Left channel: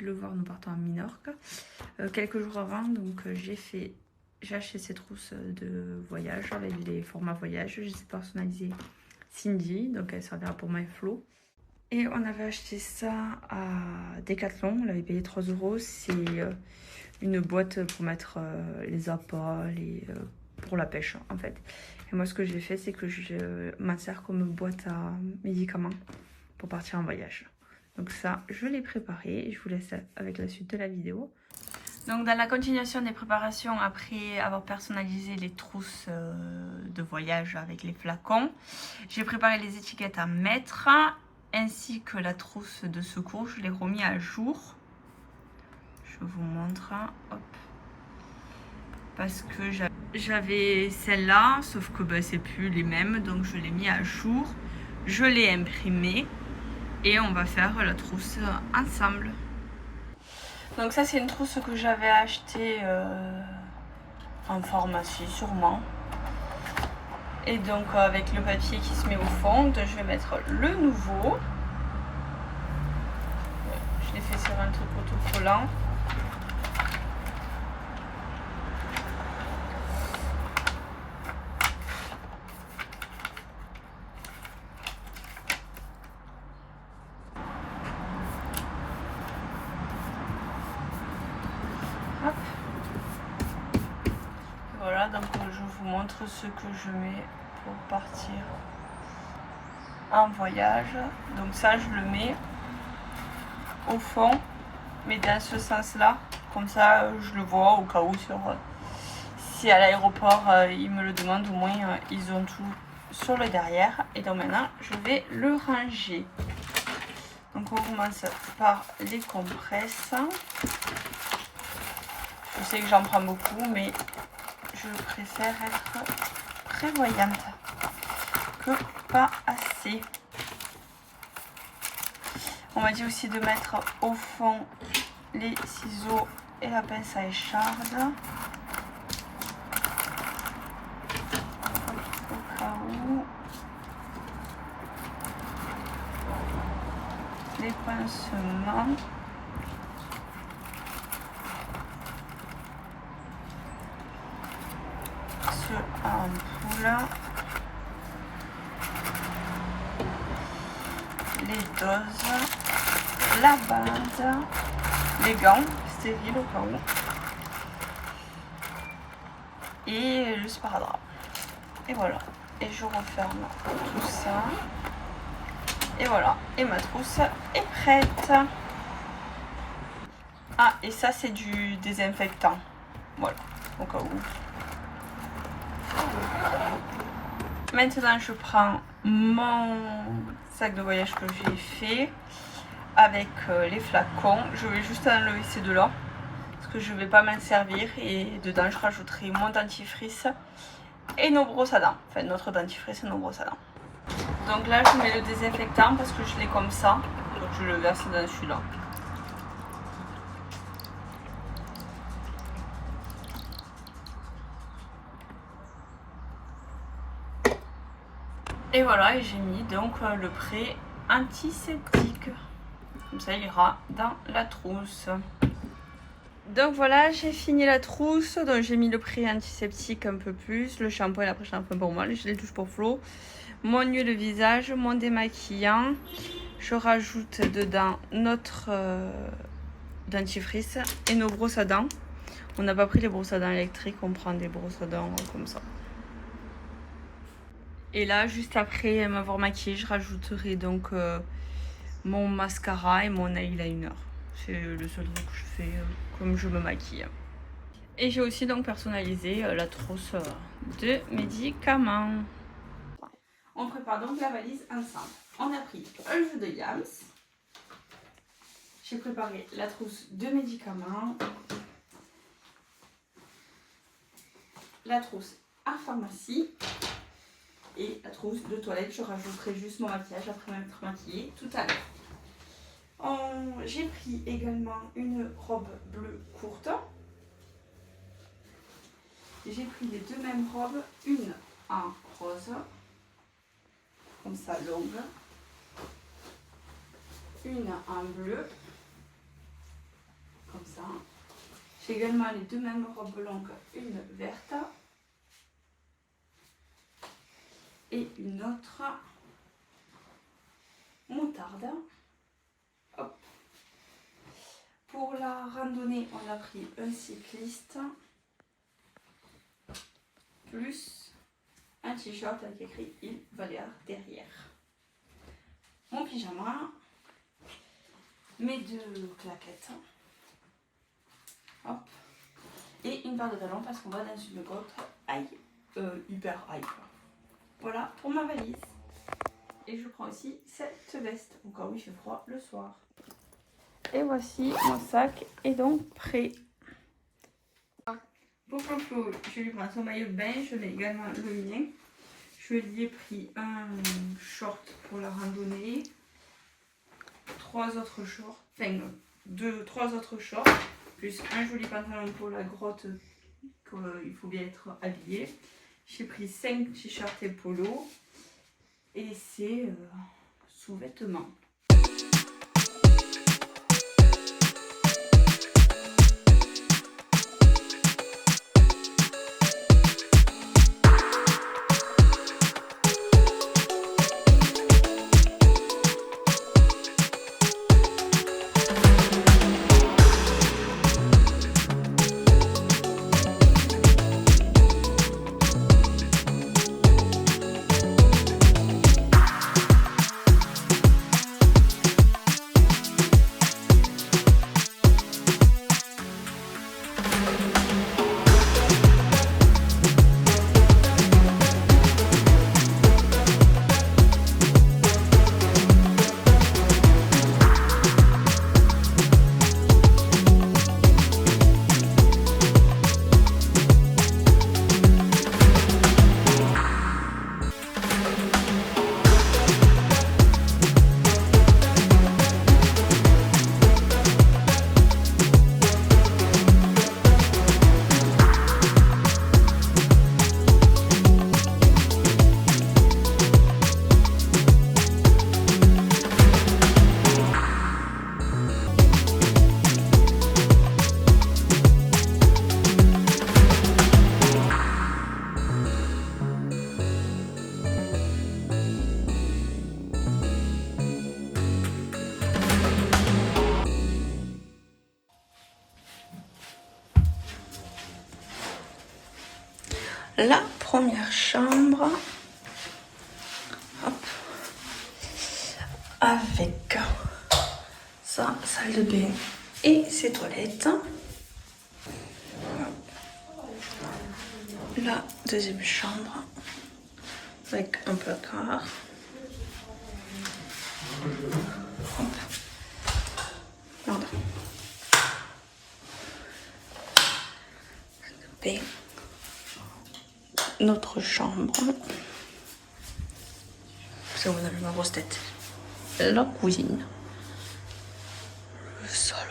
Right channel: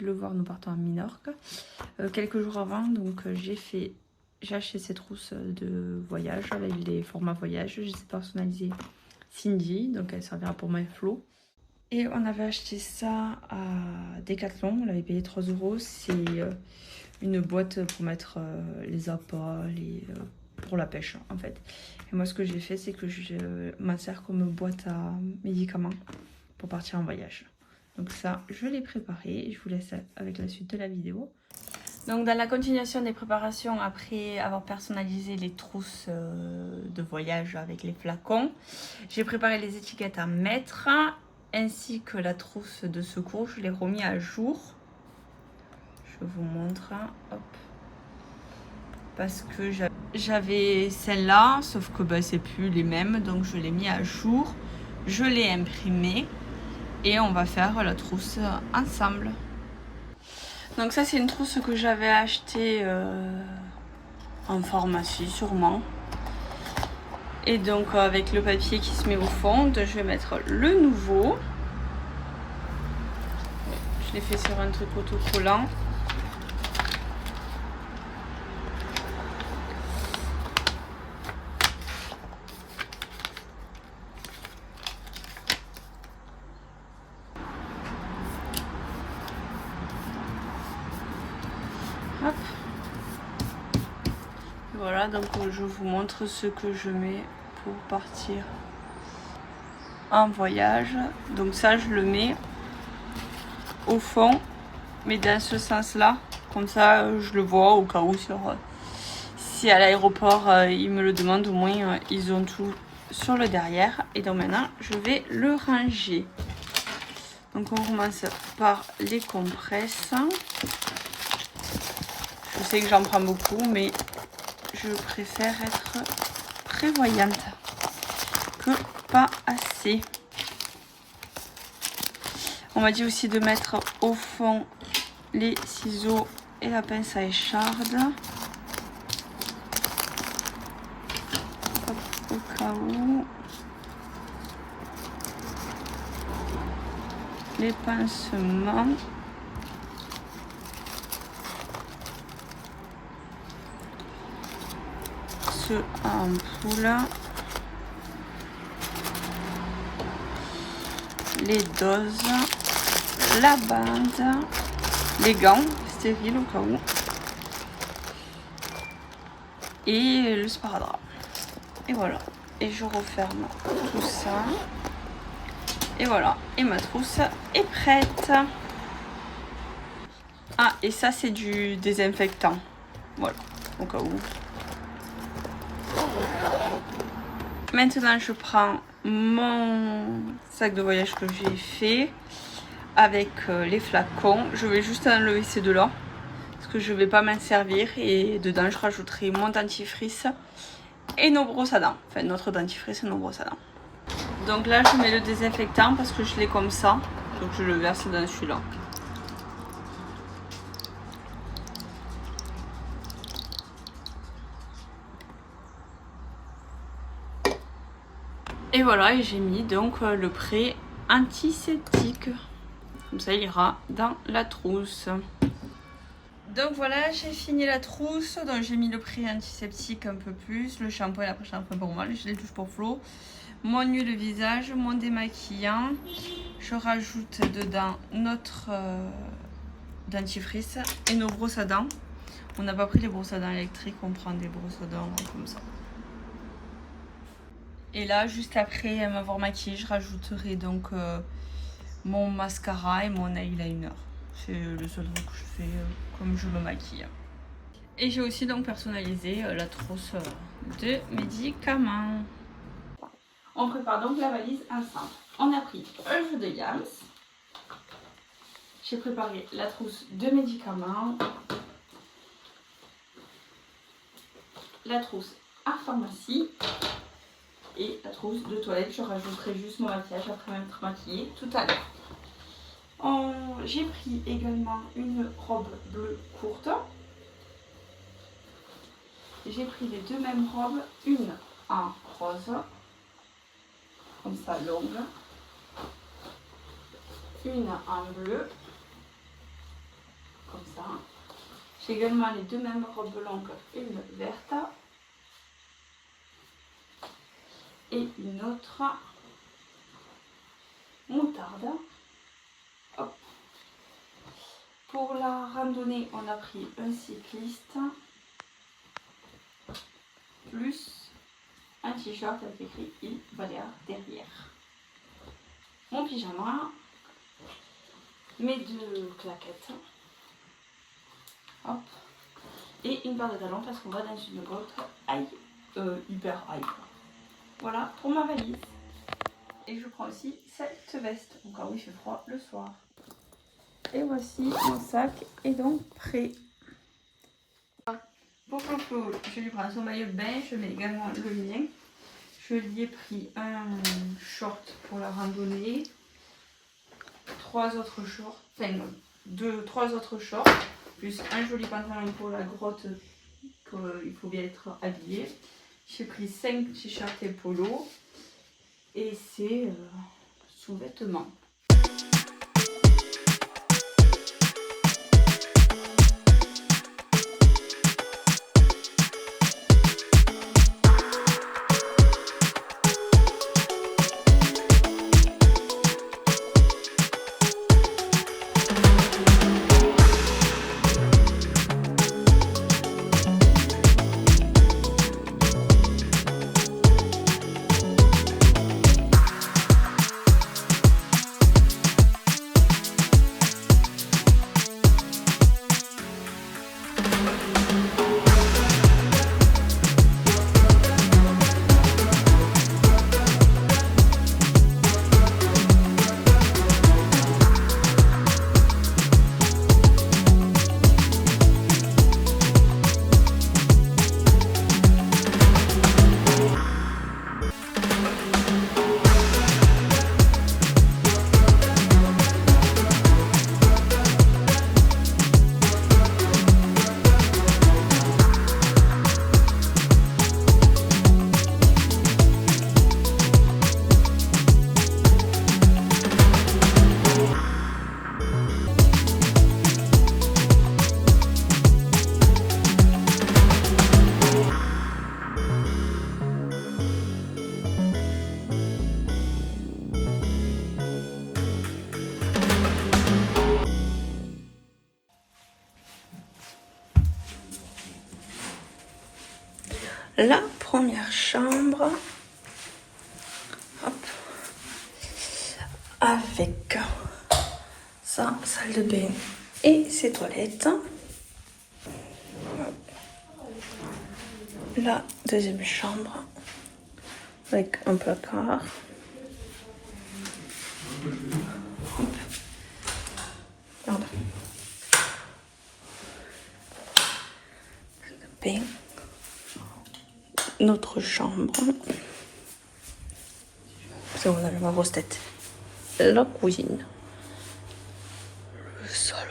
dû le voir, nous partons à Minorque. Quelques jours avant, donc j'ai acheté ces trousses de voyage avec les formats voyage. Je les ai personnalisées Cindy, donc elle servira pour my flow. Et on avait acheté ça à Decathlon, on l'avait payé 3 €. C'est une boîte pour mettre les appâts, pour la pêche en fait. Et moi ce que j'ai fait, c'est que je m'insère comme boîte à médicaments pour partir en voyage. Donc ça, je l'ai préparé et je vous laisse avec la suite de la vidéo. Donc dans la continuation des préparations, après avoir personnalisé les trousses de voyage avec les flacons, j'ai préparé les étiquettes à mettre ainsi que la trousse de secours. Je l'ai remis à jour. Je vous montre. Hop. Parce que j'avais celle-là, sauf que c'est plus les mêmes, donc je l'ai mis à jour. Je l'ai imprimé et on va faire la trousse ensemble. Donc ça c'est une trousse que j'avais achetée en pharmacie sûrement. Et donc avec le papier qui se met au fond, je vais mettre le nouveau. Je l'ai fait sur un truc autocollant. Hop. Voilà, donc je vous montre ce que je mets pour partir en voyage. Donc ça je le mets au fond, mais dans ce sens là, comme ça je le vois au cas où si à l'aéroport ils me le demandent, au moins ils ont tout sur le derrière. Et donc maintenant je vais le ranger. Donc on commence par les compresses. Je sais que j'en prends beaucoup, mais je préfère être prévoyante que pas assez. On m'a dit aussi de mettre au fond les ciseaux et la pince à écharde. Au cas où. Les pincements. Ce ampoule. Les doses. La bande. Les gants stériles au cas où. Et le sparadrap. Et voilà. Et je referme tout ça. Et voilà. Et ma trousse est prête. Ah, et ça c'est du désinfectant. Voilà. Au cas où. Maintenant je prends mon sac de voyage que j'ai fait avec les flacons. Je vais juste enlever ces deux là parce que je vais pas m'en servir, et dedans je rajouterai mon dentifrice et nos brosses à dents, enfin notre dentifrice et nos brosses à dents. Donc là je mets le désinfectant parce que je l'ai comme ça, donc je le verse dans celui-là. Et voilà, et j'ai mis donc le prêt antiseptique. Comme ça, il ira dans la trousse. Donc voilà, j'ai fini la trousse. Donc j'ai mis le prêt antiseptique un peu plus, le shampoing et l'après-shampoing pour moi, les touches pour Flo, mon huile de visage, mon démaquillant. Je rajoute dedans notre dentifrice et nos brosses à dents. On n'a pas pris les brosses à dents électriques, on prend des brosses à dents comme ça. Et là, juste après m'avoir maquillée, je rajouterai donc mon mascara et mon eyeliner. C'est le seul truc que je fais comme je me maquille. Et j'ai aussi donc personnalisé la trousse de médicaments. On prépare donc la valise ensemble. On a pris un jeu de Yams. J'ai préparé la trousse de médicaments. La trousse à pharmacie. Et la trousse de toilette, je rajouterai juste mon maquillage après m'être maquillée tout à l'heure. J'ai pris également une robe bleue courte. J'ai pris les deux mêmes robes, une en rose, comme ça longue, une en bleu ça. J'ai également les deux mêmes robes longues, une verte et une autre moutarde. Hop. Pour la randonnée, on a pris un cycliste plus un t-shirt avec écrit Il Valère derrière. Mon pyjama, mes deux claquettes, hop, et une paire de talons parce qu'on va dans une grotte hyper high. Voilà pour ma valise. Et je prends aussi cette veste, au cas où il fait froid le soir. Et voici mon sac est donc prêt. Pour Flo, je lui prends son maillot de bain, je mets également le mien. Je lui ai pris un short pour la randonnée, trois autres shorts, plus un joli pantalon pour la grotte, il faut bien être habillé. J'ai pris 5 t-shirts et polos et c'est sous-vêtements. La première chambre, hop, avec sa salle de bain et ses toilettes. Hop. La deuxième chambre avec un placard. Hop. Pardon. Salle de bain. Notre chambre, parce que vous avez ma grosse tête, la cuisine, le salon,